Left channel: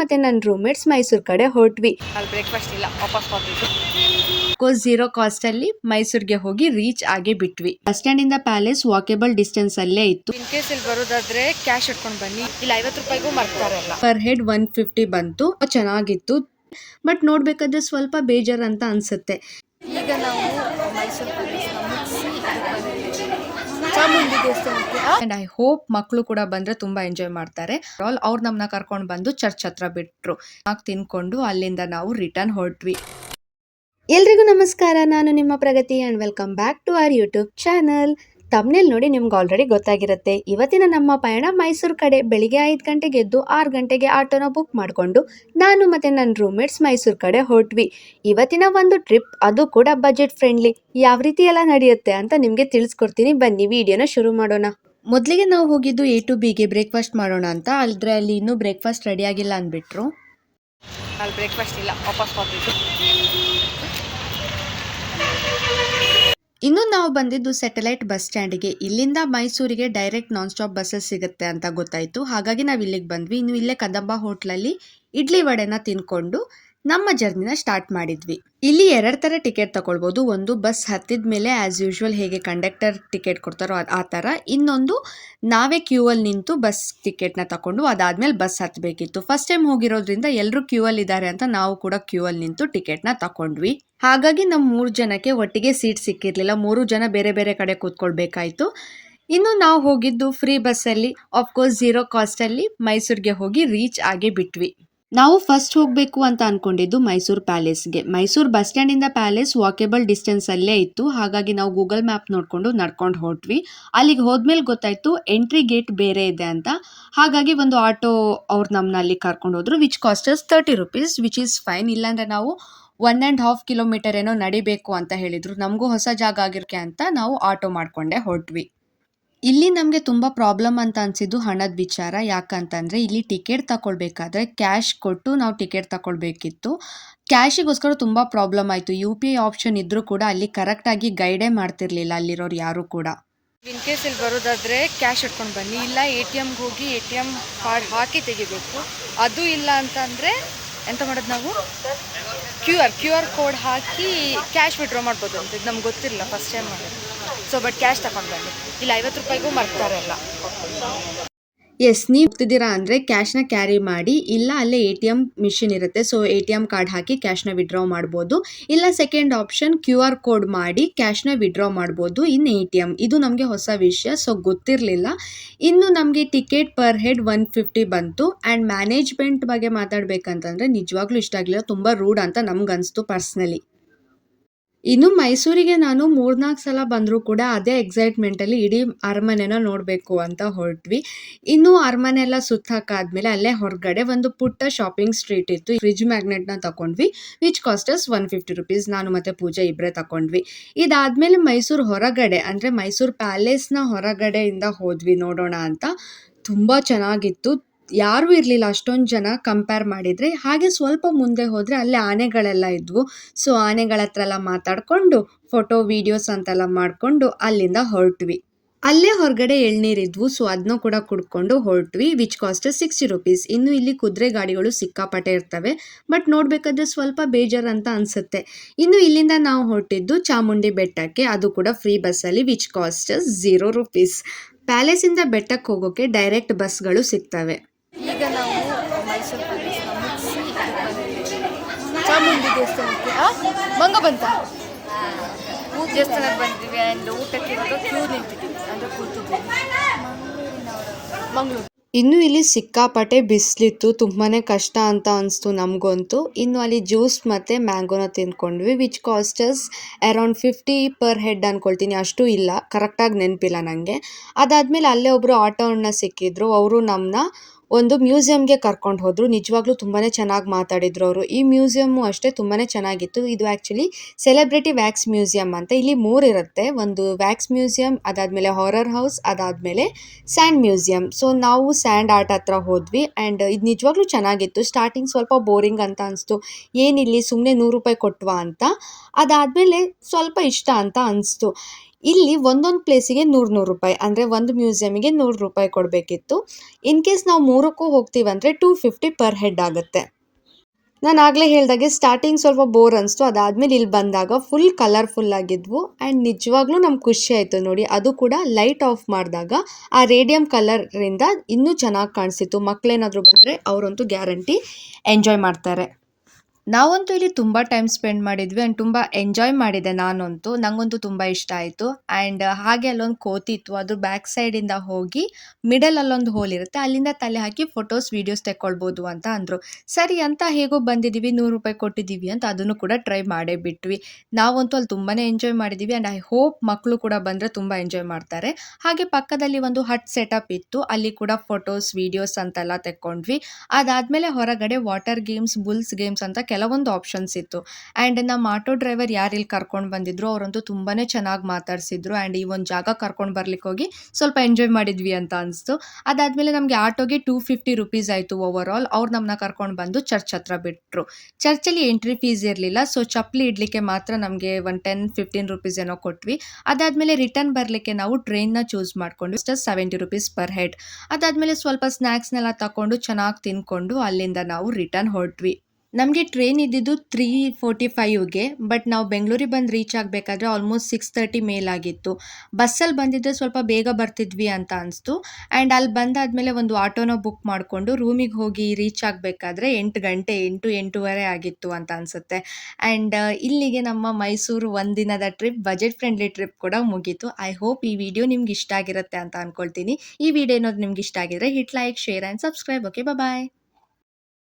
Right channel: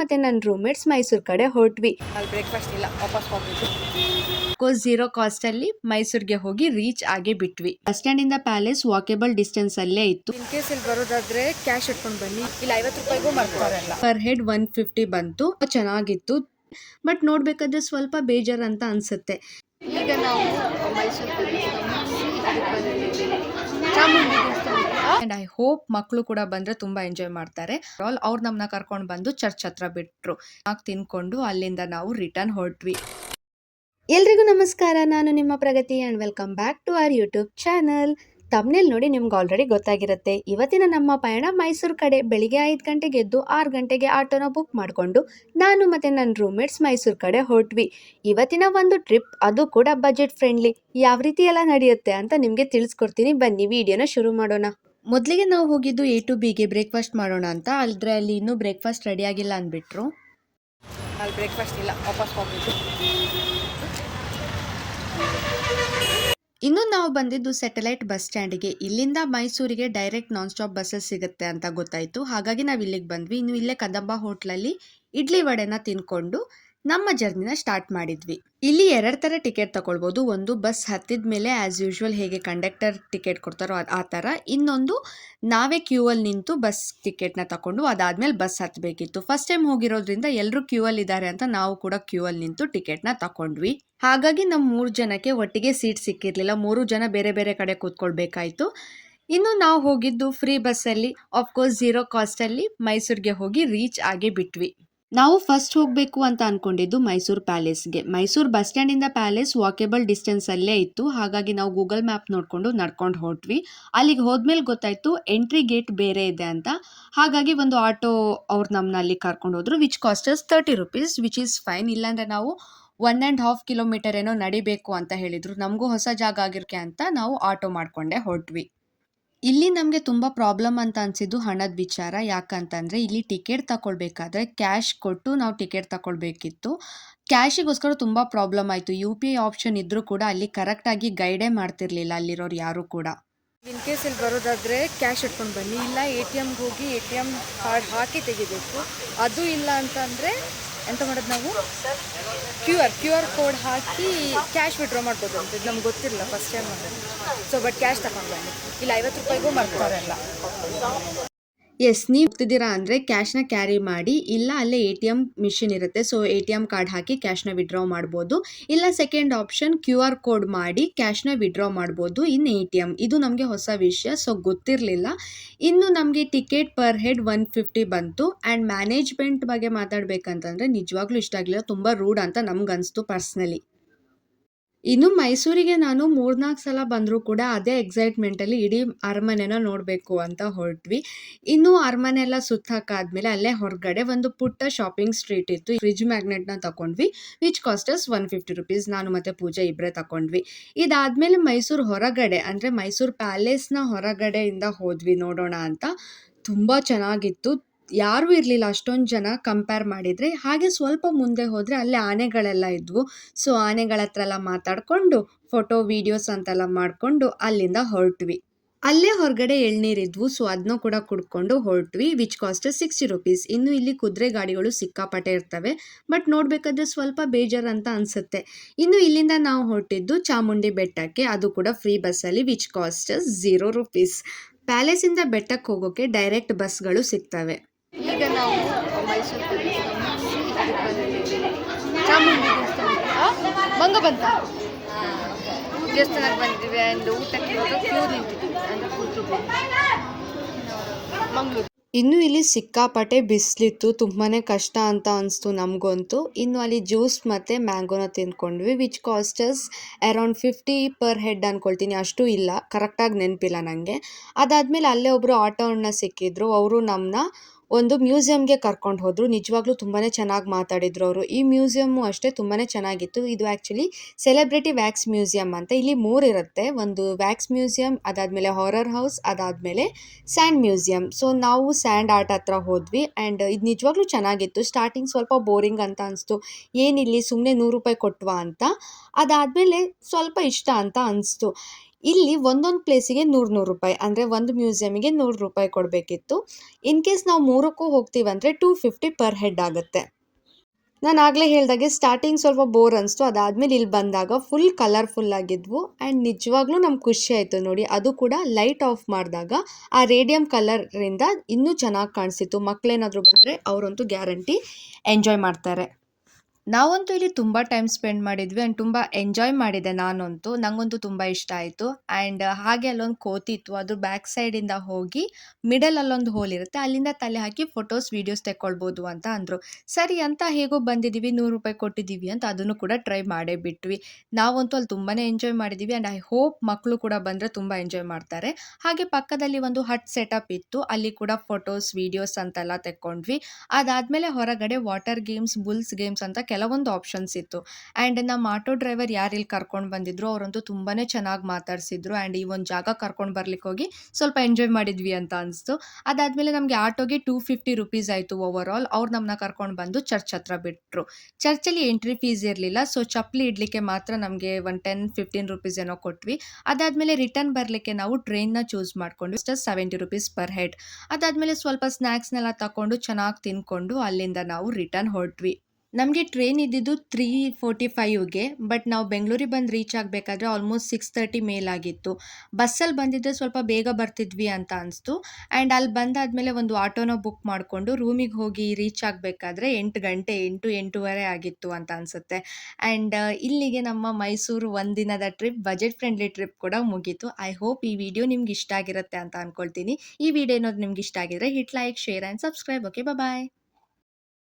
ಮತ್ತು ನನ್ನ ರೂಮ್ಮೇಟ್ಸ್ ಮೈಸೂರು ಕಡೆ ಹೊರಟ್ವಿ. ಅಲ್ಲಿ ಬ್ರೇಕ್ಫಾಸ್ಟ್ ಇಲ್ಲ, ವಾಪಸ್ ಹೋಗಿದ್ದು. 0 ಕಾಸ್ಟಲ್ಲಿ ಮೈಸೂರಿಗೆ ಹೋಗಿ ರೀಚ್ ಆಗೇ ಬಿಟ್ವಿ. ಬಸ್ ಸ್ಟ್ಯಾಂಡಿಂದ ಪ್ಯಾಲೇಸ್ ವಾಕೇಬಲ್ ಡಿಸ್ಟೆನ್ಸ್ ಅಲ್ಲೇ ಇತ್ತು. ಇನ್ ಕೇಸ್ ಇಲ್ಲಿ ಬರೋದಾದ್ರೆ ಕ್ಯಾಶ್ ಇಟ್ಕೊಂಡು ಬನ್ನಿ, ಇಲ್ಲಿ 50 ರೂಪಾಯಿಗೂ ಮಾಡ್ತಾರಲ್ಲ. ಪರ್ ಹೆಡ್ 150 ಬಂತು. ಚೆನ್ನಾಗಿತ್ತು, ಬಟ್ ನೋಡ್ಬೇಕಾದ್ರೆ ಸ್ವಲ್ಪ ಬೇಜಾರ್ ಅಂತ ಅನ್ಸುತ್ತೆ. ಈಗ ನಾವು ಮೈಸೂರು ಚಾಮುಂಡಿ ದೇವಸ್ಥಾನಕ್ಕೆ ಅಂಡ್ ಐ ಹೋಪ್ ಮಕ್ಕಳು ಕೂಡ ಬಂದ್ರೆ ತುಂಬಾ ಎಂಜಾಯ್ ಮಾಡ್ತಾರೆ. ಅವ್ರು ನಮ್ಮನ್ನ ಕರ್ಕೊಂಡು ಬಂದು ಚರ್ಚ್ ಹತ್ರ ಬಿಟ್ರು. ತಿನ್ಕೊಂಡು ಅಲ್ಲಿಂದ ನಾವು ರಿಟರ್ನ್ ಹೊರಟ್ವಿ. ಎಲ್ರಿಗೂ ನಮಸ್ಕಾರ, ನಾನು ನಿಮ್ಮ Pragathi and welcome back to our YouTube channel. Thumbnail ನೋಡಿ ನಿಮ್ಗೆ ಆಲ್ರೆಡಿ ಗೊತ್ತಾಗಿರುತ್ತೆ. ಇವತ್ತಿನ ನಮ್ಮ ಪಯಣ ಮೈಸೂರು ಕಡೆ. ಬೆಳಿಗ್ಗೆ 5 ಗಂಟೆಗೆ ಎದ್ದು 6 ಗಂಟೆಗೆ ಆಟೋನ ಬುಕ್ ಮಾಡಿಕೊಂಡು ನಾನು ಮತ್ತು ನನ್ನ ರೂಮ್ಮೇಟ್ಸ್ ಮೈಸೂರು ಕಡೆ ಹೊರಟ್ವಿ. ಇವತ್ತಿನ ಒಂದು ಟ್ರಿಪ್, ಅದು ಕೂಡ ಬಜೆಟ್ ಫ್ರೆಂಡ್ಲಿ. ಯಾವ ರೀತಿ ಎಲ್ಲ ನಡೆಯುತ್ತೆ ಅಂತ ನಿಮಗೆ ತಿಳಿಸ್ಕೊಡ್ತೀನಿ. ಬನ್ನಿ ವಿಡಿಯೋನ ಶುರು ಮಾಡೋಣ. ಮೊದಲಿಗೆ ನಾವು ಹೋಗಿದ್ದು A to B ಗೆ ಬ್ರೇಕ್ಫಾಸ್ಟ್ ಮಾಡೋಣ ಅಂತ. ಅಲ್ಲಿ ಇನ್ನೂ ಬ್ರೇಕ್ಫಾಸ್ಟ್ ರೆಡಿ ಆಗಿಲ್ಲ ಅಂದ್ಬಿಟ್ರು. ಅಲ್ಲಿ ಬ್ರೇಕ್ಫಾಸ್ಟ್ ಇಲ್ಲ, ವಾಪಸ್ ಹೋಗಿದ್ದು. ಇನ್ನು ನಾವು ಬಂದಿದ್ದು ಸ್ಯಾಟಲೈಟ್ ಬಸ್ ಸ್ಟ್ಯಾಂಡಿಗೆ. ಇಲ್ಲಿಂದ ಮೈಸೂರಿಗೆ ಡೈರೆಕ್ಟ್ ನಾನ್ ಸ್ಟಾಪ್ ಬಸ್ಸಸ್ ಸಿಗುತ್ತೆ ಅಂತ ಗೊತ್ತಾಯಿತು. ಹಾಗಾಗಿ ನಾವು ಇಲ್ಲಿಗೆ ಬಂದ್ವಿ. ಇನ್ನು ಇಲ್ಲೇ ಕದಂಬ ಹೋಟ್ಲಲ್ಲಿ ಇಡ್ಲಿ ವಡೆನ ತಿನ್ಕೊಂಡು ನಮ್ಮ ಜರ್ನಿನ ಸ್ಟಾರ್ಟ್ ಮಾಡಿದ್ವಿ. ಇಲ್ಲಿ 2 ಥರ ಟಿಕೆಟ್ ತಗೊಳ್ಬೋದು. ಒಂದು ಬಸ್ ಹತ್ತಿದ ಮೇಲೆ ಆ್ಯಸ್ ಯೂಶ್ವಲ್ ಹೇಗೆ ಕಂಡಕ್ಟರ್ ಟಿಕೆಟ್ ಕೊಡ್ತಾರೋ ಆ ಥರ. ಇನ್ನೊಂದು ನಾವೇ ಕ್ಯೂ ಅಲ್ಲಿ ನಿಂತು ಬಸ್ ಟಿಕೆಟ್ನ ತಗೊಂಡು ಅದಾದ್ಮೇಲೆ ಬಸ್ ಹತ್ತಬೇಕಿತ್ತು. ಫಸ್ಟ್ ಟೈಮ್ ಹೋಗಿರೋದ್ರಿಂದ ಎಲ್ಲರೂ ಕ್ಯೂ ಅಲ್ಲಿ ಇದ್ದಾರೆ ಅಂತ ನಾವು ಕೂಡ ಕ್ಯೂ ಅಲ್ಲಿ ನಿಂತು ಟಿಕೆಟ್ನ ತಗೊಂಡ್ವಿ. ಹಾಗಾಗಿ ನಮ್ಮ 3 ಜನಕ್ಕೆ ಒಟ್ಟಿಗೆ ಸೀಟ್ ಸಿಕ್ಕಿರಲಿಲ್ಲ. 3 ಜನ ಬೇರೆ ಬೇರೆ ಕಡೆ ಕೂತ್ಕೊಳ್ಬೇಕಾಯಿತು. ಇನ್ನು ನಾವು ಹೋಗಿದ್ದು ಫ್ರೀ ಬಸ್ಸಲ್ಲಿ, ಆಫ್ಕೋರ್ಸ್ 0 ಕಾಸ್ಟಲ್ಲಿ ಮೈಸೂರಿಗೆ ಹೋಗಿ ರೀಚ್ ಆಗೇ ಬಿಟ್ವಿ. ನಾವು ಫಸ್ಟ್ ಹೋಗಬೇಕು ಅಂತ ಅಂದ್ಕೊಂಡಿದ್ದು ಮೈಸೂರು ಪ್ಯಾಲೇಸ್ಗೆ. ಮೈಸೂರು ಬಸ್ ಸ್ಟ್ಯಾಂಡಿಂದ ಪ್ಯಾಲೇಸ್ ವಾಕೇಬಲ್ ಡಿಸ್ಟೆನ್ಸ್ ಅಲ್ಲೇ ಇತ್ತು. ಹಾಗಾಗಿ ನಾವು ಗೂಗಲ್ ಮ್ಯಾಪ್ ನೋಡಿಕೊಂಡು ನಡ್ಕೊಂಡು ಹೊರಟ್ವಿ. ಅಲ್ಲಿಗೆ ಹೋದ್ಮೇಲೆ ಗೊತ್ತಾಯಿತು ಎಂಟ್ರಿ ಗೇಟ್ ಬೇರೆ ಇದೆ ಅಂತ. ಹಾಗಾಗಿ ಒಂದು ಆಟೋ ಅವ್ರು ನಮ್ಮನ್ನ ಅಲ್ಲಿ ಕರ್ಕೊಂಡು ಹೋದ್ರು. Which ಕಾಸ್ಟಸ್ 30 rupees, which is fine. ಇಲ್ಲಾಂದರೆ ನಾವು 1.5 ಕಿಲೋಮೀಟರ್ ಏನೋ ನಡಿಬೇಕು ಅಂತ ಹೇಳಿದರು. ನಮಗೂ ಹೊಸ ಜಾಗ ಆಗಿರೋಕ್ಕೆ ಅಂತ ನಾವು ಆಟೋ ಮಾಡಿಕೊಂಡೇ ಹೊರಟ್ವಿ. ಇಲ್ಲಿ ನಮಗೆ ತುಂಬ ಪ್ರಾಬ್ಲಮ್ ಅಂತ ಅನಿಸಿದ್ದು ಹಣದ ವಿಚಾರ. ಯಾಕಂತಂದರೆ ಇಲ್ಲಿ ಟಿಕೆಟ್ ತಗೊಳ್ಬೇಕಾದ್ರೆ ಕ್ಯಾಶ್ ಕೊಟ್ಟು ನಾವು ಟಿಕೆಟ್ ತಗೊಳ್ಬೇಕಿತ್ತು. ಕ್ಯಾಶಿಗೋಸ್ಕರ ತುಂಬ ಪ್ರಾಬ್ಲಮ್ ಆಯಿತು. UPI ಆಪ್ಷನ್ ಇದ್ದರೂ ಕೂಡ ಅಲ್ಲಿ ಕರೆಕ್ಟಾಗಿ ಗೈಡೇ ಮಾಡ್ತಿರ್ಲಿಲ್ಲ ಅಲ್ಲಿರೋರು ಯಾರೂ ಕೂಡ. ಇನ್ ಕೇಸ್ ಇಲ್ಲಿ ಬರೋದಾದರೆ ಕ್ಯಾಶ್ ಇಟ್ಕೊಂಡು ಬನ್ನಿ, ಇಲ್ಲ ATMಗೆ ಹೋಗಿ ATM ಕಾರ್ಡ್ ಹಾಕಿ ತೆಗಿಬೇಕು. ಅದು ಇಲ್ಲ ಅಂತಂದರೆ ಎಂತ ಮಾಡೋದು, ನಾವು QR ಕೋಡ್ ಹಾಕಿ ಕ್ಯಾಶ್ ವಿಡ್ರಾ ಮಾಡ್ಬೋದು ಅಂತ. ಇದು ನಮ್ಗೆ ಗೊತ್ತಿರಲಿಲ್ಲ, ಫಸ್ಟ್ ಟೈಮ್ ಮಾಡೋದು. ಸೊ ಬಟ್ ಕ್ಯಾಶ್ ತಗೊಂಡು ಬನ್ನಿ, ಇಲ್ಲಿ 50 ರೂಪಾಯಿಗೂ ಮಾಡ್ತಾರಲ್ಲ. ಎಸ್, ನೀವು ಹೋಗ್ತಿದ್ದೀರಾ ಅಂದರೆ ಕ್ಯಾಶ್ನ ಕ್ಯಾರಿ ಮಾಡಿ. ಇಲ್ಲ ಅಲ್ಲೇ ATM ಮಿಷಿನ್ ಇರುತ್ತೆ. ಸೊ ATM ಕಾರ್ಡ್ ಹಾಕಿ ಕ್ಯಾಶ್ನ ವಿಡ್ರಾ ಮಾಡ್ಬೋದು. ಇಲ್ಲ ಸೆಕೆಂಡ್ ಆಪ್ಷನ್ QR ಕೋಡ್ ಮಾಡಿ ಕ್ಯಾಶ್ನ ವಿಡ್ರಾ ಮಾಡ್ಬೋದು ಇನ್ ATM. ಇದು ನಮಗೆ ಹೊಸ ವಿಷಯ, ಸೊ ಗೊತ್ತಿರಲಿಲ್ಲ. ಇನ್ನು ನಮಗೆ ಟಿಕೆಟ್ ಪರ್ ಹೆಡ್ 150 ಬಂತು. ಆ್ಯಂಡ್ ಮ್ಯಾನೇಜ್ಮೆಂಟ್ ಬಗ್ಗೆ ಮಾತಾಡಬೇಕಂತಂದರೆ ನಿಜವಾಗ್ಲೂ ಇಷ್ಟ ಆಗಲಿಲ್ಲ. ತುಂಬ ರೂಡ್ ಅಂತ ನಮ್ಗನ್ನಿಸ್ತು ಪರ್ಸ್ನಲಿ. ಇನ್ನು ಮೈಸೂರಿಗೆ ನಾನು 3-4 ಸಲ ಬಂದರೂ ಕೂಡ ಅದೇ ಎಕ್ಸೈಟ್ಮೆಂಟಲ್ಲಿ ಇಡೀ ಅರಮನೆನ ನೋಡಬೇಕು ಅಂತ ಹೊರಟ್ವಿ. ಇನ್ನು ಅರಮನೆ ಎಲ್ಲ ಸುತ್ತಾಕಾದ್ಮೇಲೆ ಅಲ್ಲೇ ಹೊರಗಡೆ ಒಂದು ಪುಟ್ಟ ಶಾಪಿಂಗ್ ಸ್ಟ್ರೀಟ್ ಇತ್ತು. ಫ್ರಿಜ್ ಮ್ಯಾಗ್ನೆಟ್ನ ತಗೊಂಡ್ವಿ, ವಿಚ್ ಕಾಸ್ಟಸ್ 150 ರೂಪೀಸ್. ನಾನು ಮತ್ತು ಪೂಜಾ ಇಬ್ಬರೇ ತಗೊಂಡ್ವಿ. ಇದಾದಮೇಲೆ ಮೈಸೂರು ಹೊರಗಡೆ ಅಂದರೆ ಮೈಸೂರು ಪ್ಯಾಲೇಸ್ನ ಹೊರಗಡೆಯಿಂದ ಹೋದ್ವಿ ನೋಡೋಣ ಅಂತ. ತುಂಬ ಚೆನ್ನಾಗಿತ್ತು. ಯಾರೂ ಇರಲಿಲ್ಲ ಅಷ್ಟೊಂದು ಜನ ಕಂಪೇರ್ ಮಾಡಿದರೆ. ಹಾಗೆ ಸ್ವಲ್ಪ ಮುಂದೆ ಹೋದರೆ ಅಲ್ಲೇ ಆನೆಗಳೆಲ್ಲ ಇದ್ವು. ಸೊ ಆನೆಗಳ ಹತ್ರ ಎಲ್ಲ ಮಾತಾಡಿಕೊಂಡು ಫೋಟೋ ವೀಡಿಯೋಸ್ ಅಂತೆಲ್ಲ ಮಾಡಿಕೊಂಡು ಅಲ್ಲಿಂದ ಹೊರಟ್ವಿ. ಅಲ್ಲೇ ಹೊರಗಡೆ ಎಳ್ನೀರಿದ್ವು, ಸೊ ಅದನ್ನೂ ಕೂಡ ಕುಡ್ಕೊಂಡು ಹೊರಟ್ವಿ. Which cost 60 rupees. ಇನ್ನು ಇಲ್ಲಿ ಕುದುರೆ ಗಾಡಿಗಳು ಸಿಕ್ಕಾಪಟ್ಟೆ ಇರ್ತವೆ, ಬಟ್ ನೋಡಬೇಕಾದ್ರೆ ಸ್ವಲ್ಪ ಬೇಜಾರು ಅಂತ ಅನಿಸುತ್ತೆ. ಇನ್ನು ಇಲ್ಲಿಂದ ನಾವು ಹೊರಟಿದ್ದು ಚಾಮುಂಡಿ ಬೆಟ್ಟಕ್ಕೆ, ಅದು ಕೂಡ ಫ್ರೀ ಬಸ್ಸಲ್ಲಿ, ವಿಚ್ ಕಾಸ್ಟ್ 0 ರೂಪೀಸ್. ಪ್ಯಾಲೇಸಿಂದ ಬೆಟ್ಟಕ್ಕೆ ಹೋಗೋಕ್ಕೆ ಡೈರೆಕ್ಟ್ ಬಸ್ಗಳು ಸಿಗ್ತವೆ. ಈಗ ನಾವು ಮೈಸೂರು ಚಾಮುಂಡಿ ದೇವಸ್ಥಾನಕ್ಕೆ ಮಂಗಬಂತ ದೇವಸ್ಥಾನಕ್ಕೆ ಬಂದಿದ್ದೀವಿ. ಆ್ಯಂಡ್ ಊಟಕ್ಕೆ ಇವಾಗ ಕ್ಯೂ ನಿಂತಿದ್ದೀವಿ, ಅಂದರೆ ಕೂತಿದ್ದೀವಿ ಮಂಗಳೂರು. ಇನ್ನು ಇಲ್ಲಿ ಸಿಕ್ಕಾಪಟ್ಟೆ ಬಿಸಿಲಿತ್ತು, ತುಂಬಾ ಕಷ್ಟ ಅಂತ ಅನಿಸ್ತು ನಮಗಂತೂ. ಇನ್ನು ಅಲ್ಲಿ ಜ್ಯೂಸ್ ಮತ್ತು ಮ್ಯಾಂಗೋನ ತಿಂದ್ಕೊಂಡ್ವಿ, which costs around 50 per head ಅಂದ್ಕೊಳ್ತೀನಿ. ಅಷ್ಟು ಇಲ್ಲ, ಕರೆಕ್ಟಾಗಿ ನೆನಪಿಲ್ಲ ನನಗೆ. ಅದಾದಮೇಲೆ ಅಲ್ಲೇ ಒಬ್ಬರು ಆಟೋವನ್ನ ಸಿಕ್ಕಿದ್ರು. ಅವರು ನಮ್ಮನ್ನ ಒಂದು ಮ್ಯೂಸಿಯಮ್ಗೆ ಕರ್ಕೊಂಡು ಹೋದರು. ನಿಜವಾಗ್ಲೂ ತುಂಬಾ ಚೆನ್ನಾಗಿ ಮಾತಾಡಿದ್ರು ಅವರು. ಈ ಮ್ಯೂಸಿಯಮ್ಮು ಅಷ್ಟೇ ತುಂಬಾ ಚೆನ್ನಾಗಿತ್ತು. ಇದು ಆ್ಯಕ್ಚುಲಿ ಸೆಲೆಬ್ರಿಟಿ ವ್ಯಾಕ್ಸ್ ಮ್ಯೂಸಿಯಮ್ ಅಂತ. ಇಲ್ಲಿ 3 ಇರುತ್ತೆ. ಒಂದು ವ್ಯಾಕ್ಸ್ ಮ್ಯೂಸಿಯಮ್, ಅದಾದಮೇಲೆ ಹಾರರ್ ಹೌಸ್, ಅದಾದಮೇಲೆ ಸ್ಯಾಂಡ್ ಮ್ಯೂಸಿಯಮ್. ಸೊ ನಾವು ಸ್ಯಾಂಡ್ ಆರ್ಟ್ ಹತ್ರ ಹೋದ್ವಿ. ಆ್ಯಂಡ್ ಇದು ನಿಜವಾಗ್ಲೂ ಚೆನ್ನಾಗಿತ್ತು. ಸ್ಟಾರ್ಟಿಂಗ್ ಸ್ವಲ್ಪ ಬೋರಿಂಗ್ ಅಂತ ಅನಿಸ್ತು, ಏನಿಲ್ಲಿ ಸುಮ್ಮನೆ 100 ರೂಪಾಯಿ ಕೊಟ್ವಾ ಅಂತ. ಅದಾದಮೇಲೆ ಸ್ವಲ್ಪ ಇಷ್ಟ ಅಂತ ಅನಿಸ್ತು. ಇಲ್ಲಿ ಒಂದೊಂದು ಪ್ಲೇಸಿಗೆ 100 ರೂಪಾಯಿ ಅಂದರೆ ಒಂದು ಮ್ಯೂಸಿಯಮಿಗೆ 100 ರೂಪಾಯಿ ಕೊಡಬೇಕಿತ್ತು. ಇನ್ ಕೇಸ್ ನಾವು 3ಕ್ಕೂ ಹೋಗ್ತೀವಂದರೆ 250 ಪರ್ ಹೆಡ್ ಆಗುತ್ತೆ. ನಾನು ಆಗಲೇ ಹೇಳ್ದಾಗೆ ಸ್ಟಾರ್ಟಿಂಗ್ ಸ್ವಲ್ಪ ಬೋರ್ ಅನಿಸ್ತು. ಅದಾದಮೇಲೆ ಇಲ್ಲಿ ಬಂದಾಗ ಫುಲ್ ಕಲರ್ಫುಲ್ ಆಗಿದ್ವು ಆ್ಯಂಡ್ ನಿಜವಾಗ್ಲೂ ನಮ್ಗೆ ಖುಷಿ ಆಯಿತು ನೋಡಿ. ಅದು ಕೂಡ ಲೈಟ್ ಆಫ್ ಮಾಡಿದಾಗ ಆ ರೇಡಿಯಂ ಕಲರಿಂದ ಇನ್ನೂ ಚೆನ್ನಾಗಿ ಕಾಣಿಸಿತ್ತು. ಮಕ್ಕಳೇನಾದರೂ ಬಂದರೆ ಅವರಂತೂ ಗ್ಯಾರಂಟಿ ಎಂಜಾಯ್ ಮಾಡ್ತಾರೆ. ನಾವಂತೂ ಇಲ್ಲಿ ತುಂಬ ಟೈಮ್ ಸ್ಪೆಂಡ್ ಮಾಡಿದ್ವಿ ಆ್ಯಂಡ್ ತುಂಬ ಎಂಜಾಯ್ ಮಾಡಿದೆ ನಾನಂತೂ. ನನಗಂತೂ ತುಂಬ ಇಷ್ಟ ಆಯಿತು. ಆ್ಯಂಡ್ ಹಾಗೆ ಅಲ್ಲೊಂದು ಕೋತಿ ಇತ್ತು. ಅದು ಬ್ಯಾಕ್ ಸೈಡಿಂದ ಹೋಗಿ ಮಿಡಲ್ ಅಲ್ಲೊಂದು ಹೋಲ್ ಇರುತ್ತೆ, ಅಲ್ಲಿಂದ ತಲೆ ಹಾಕಿ ಫೋಟೋಸ್ ವೀಡಿಯೋಸ್ ತೆಕ್ಕೊಳ್ಬೋದು ಅಂತ ಅಂದರು. ಸರಿ ಅಂತ ಹೇಗೋ ಬಂದಿದ್ದೀವಿ, 100 ರೂಪಾಯಿ ಕೊಟ್ಟಿದ್ದೀವಿ ಅಂತ ಅದನ್ನು ಕೂಡ ಟ್ರೈ ಮಾಡೇ ಬಿಟ್ವಿ. ನಾವಂತೂ ಅಲ್ಲಿ ತುಂಬಾ ಎಂಜಾಯ್ ಮಾಡಿದ್ದೀವಿ ಆ್ಯಂಡ್ ಐ ಹೋಪ್ ಮಕ್ಕಳು ಕೂಡ ಬಂದರೆ ತುಂಬ ಎಂಜಾಯ್ ಮಾಡ್ತಾರೆ. ಹಾಗೆ ಪಕ್ಕದಲ್ಲಿ ಒಂದು ಹಟ್ ಸೆಟಪ್ ಇತ್ತು, ಅಲ್ಲಿ ಕೂಡ ಫೋಟೋಸ್ ವೀಡಿಯೋಸ್ ಅಂತೆಲ್ಲ ತೆಕ್ಕೊಂಡ್ವಿ. ಅದಾದಮೇಲೆ ಹೊರಗಡೆ ವಾಟರ್ ಗೇಮ್ಸ್, ಬುಲ್ಸ್ ಗೇಮ್ಸ್ ಅಂತ ಕೆಲವೊಂದು ಆಪ್ಷನ್ಸ್ ಇತ್ತು. ಆ್ಯಂಡ್ ನಮ್ಮ ಆಟೋ ಡ್ರೈವರ್ ಯಾರು ಇಲ್ಲಿ ಕರ್ಕೊಂಡು ಬಂದಿದ್ರು ಅವರಂತೂ ತುಂಬಾ ಚೆನ್ನಾಗಿ ಮಾತಾಡಿಸಿದ್ರು ಆ್ಯಂಡ್ ಈ ಒಂದು ಜಾಗ ಕರ್ಕೊಂಡು ಬರ್ಲಿಕ್ಕೆ ಹೋಗಿ ಸ್ವಲ್ಪ ಎಂಜಾಯ್ ಮಾಡಿದ್ವಿ ಅಂತ ಅನಿಸ್ತು. ಅದಾದಮೇಲೆ ನಮಗೆ ಆಟೋಗೆ 250 ರುಪೀಸ್ ಆಯಿತು ಓವರ್ ಆಲ್. ಅವ್ರು ನಮ್ಮನ್ನ ಕರ್ಕೊಂಡು ಬಂದು ಚರ್ಚ್ ಹತ್ರ ಬಿಟ್ಟರು. ಚರ್ಚಲ್ಲಿ ಎಂಟ್ರಿ ಫೀಸ್ ಇರಲಿಲ್ಲ, ಸೊ ಚಪ್ಪಲಿ ಇಡಲಿಕ್ಕೆ ಮಾತ್ರ ನಮಗೆ ಒಂದು 10-15 ರುಪೀಸ್ ಏನೋ ಕೊಟ್ವಿ. ಅದಾದಮೇಲೆ ರಿಟರ್ನ್ ಬರಲಿಕ್ಕೆ ನಾವು ಟ್ರೈನ್ನ ಚೂಸ್ ಮಾಡಿಕೊಂಡು ಜಸ್ಟ್ 70 ರುಪೀಸ್ ಪರ್ ಹೆಡ್. ಅದಾದಮೇಲೆ ಸ್ವಲ್ಪ ಸ್ನ್ಯಾಕ್ಸ್ನೆಲ್ಲ ತಗೊಂಡು ಚೆನ್ನಾಗಿ ತಿನ್ಕೊಂಡು ಅಲ್ಲಿಂದ ನಾವು ರಿಟರ್ನ್ ಹೊರಟ್ವಿ. ನಮಗೆ ಟ್ರೈನ್ ಇದ್ದಿದ್ದು 3:45ಗೆ, ಬಟ್ ನಾವು ಬೆಂಗಳೂರಿಗೆ ಬಂದು ರೀಚ್ ಆಗಬೇಕಾದ್ರೆ ಆಲ್ಮೋಸ್ಟ್ 6:30 ಮೇಲಾಗಿತ್ತು. ಬಸ್ಸಲ್ಲಿ ಬಂದಿದ್ದರೆ ಸ್ವಲ್ಪ ಬೇಗ ಬರ್ತಿದ್ವಿ ಅಂತ ಅನಿಸ್ತು. ಆ್ಯಂಡ್ ಅಲ್ಲಿ ಬಂದಾದಮೇಲೆ ಒಂದು ಆಟೋನ ಬುಕ್ ಮಾಡಿಕೊಂಡು ರೂಮಿಗೆ ಹೋಗಿ ರೀಚ್ ಆಗಬೇಕಾದ್ರೆ 8 ಗಂಟೆ 8-8:30 ಆಗಿತ್ತು ಅಂತ ಅನಿಸುತ್ತೆ. ಆ್ಯಂಡ್ ಇಲ್ಲಿಗೆ ನಮ್ಮ ಮೈಸೂರು ಒಂದಿನದ ಟ್ರಿಪ್, ಬಜೆಟ್ ಫ್ರೆಂಡ್ಲಿ ಟ್ರಿಪ್ ಕೂಡ ಮುಗೀತು. ಐ ಹೋಪ್ ಈ ವಿಡಿಯೋ ನಿಮ್ಗೆ ಇಷ್ಟ ಆಗಿರುತ್ತೆ ಅಂತ ಅಂದ್ಕೊಳ್ತೀನಿ. ಈ ವಿಡಿಯೋ ಏನಾದ್ರು ನಿಮ್ಗೆ ಇಷ್ಟ ಆಗಿದ್ರೆ hit like, share and subscribe. Okay, bye.